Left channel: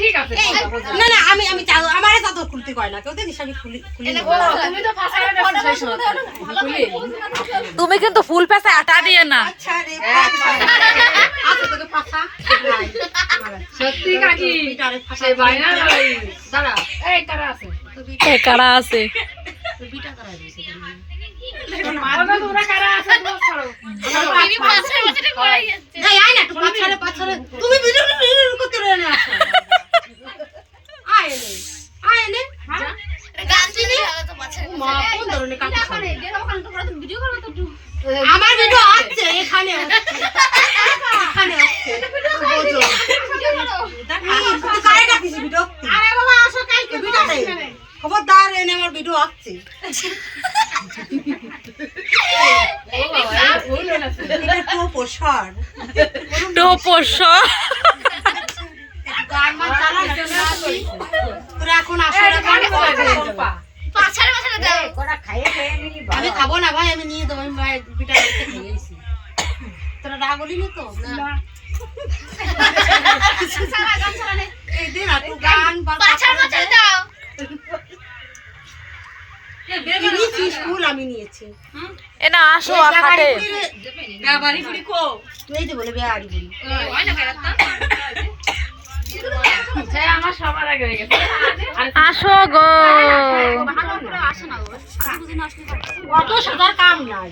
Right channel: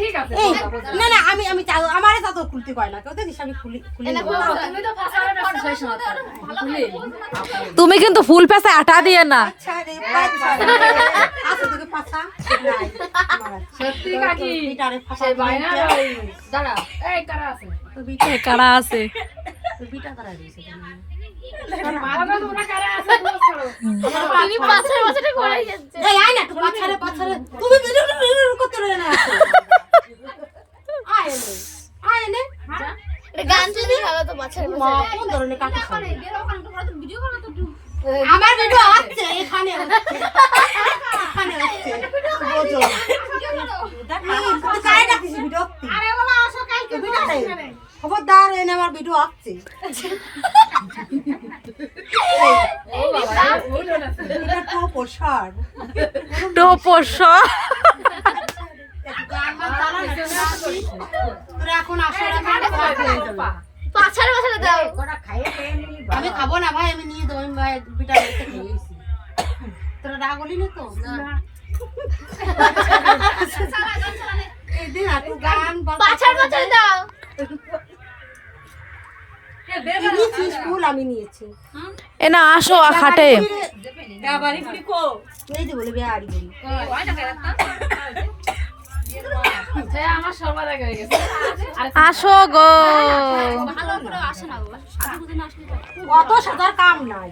ঠিক আছে না না আমি আমি আমারে চাদর খুলতে কয় না কেউ দেখিস আমি খুলি নেব। তুমি তো ফাঁসায় ব্যস্ত সেই সময় তুমি কিন্তু ফুল পেছে আটা দিয়ে না। আচ্ছা রে পাছা আছে তোকে পাছা নাই আমার সত্যি কাকি বিটারে ফাঁসা সেই বাইনা ভাই দাঁড়া এই কারা আছে এ কারা আছে তো বিটা করা দিয়েছে বাবা তোমরা কারা আছে বলো করো তিনি পাছার মাথাটা গড়াই যাচ্ছে এই আয় না একটু পাছারে তুমি ভিডিও করতে রে না আসো আয় নে এটা গান শুনে গেল তো পাছার মা কোন ধরনের কাকি খাবে ভিডিও করবে তো আমার ভিডিও আছে এখানে আছে বোঝো তুই কারে ডাকিস ভিডিও আরে বাবা আসো কাইকে ভিডিও নেই খবরদার এনে আমার ভিডিও আছে ও বাবা ভুল হলো এটা তো পোষার টোপস গান মান চালা না তোরা এখন আসো পাছার মাথাটা দাও আমি খাবো না ভাই আমি নিয়ে দেবো আমি ভাই বিটা দেখতে খেয়েছি তোরা রাগ হলি না তো এই দিন একটু গান পাছার মাথাটা দাও নিয়েছিস ফুল আমি নিয়েছি এ না আসো হাটে গাবারি পুরি কো এই যে বলে বেয়ারি বলি হ্যাঁ আমার সবার আগে হয়ে গেছে আসো গো ভালো করে আসে না গো সাজুগুজু না আসলে অত সাদার কাম নাই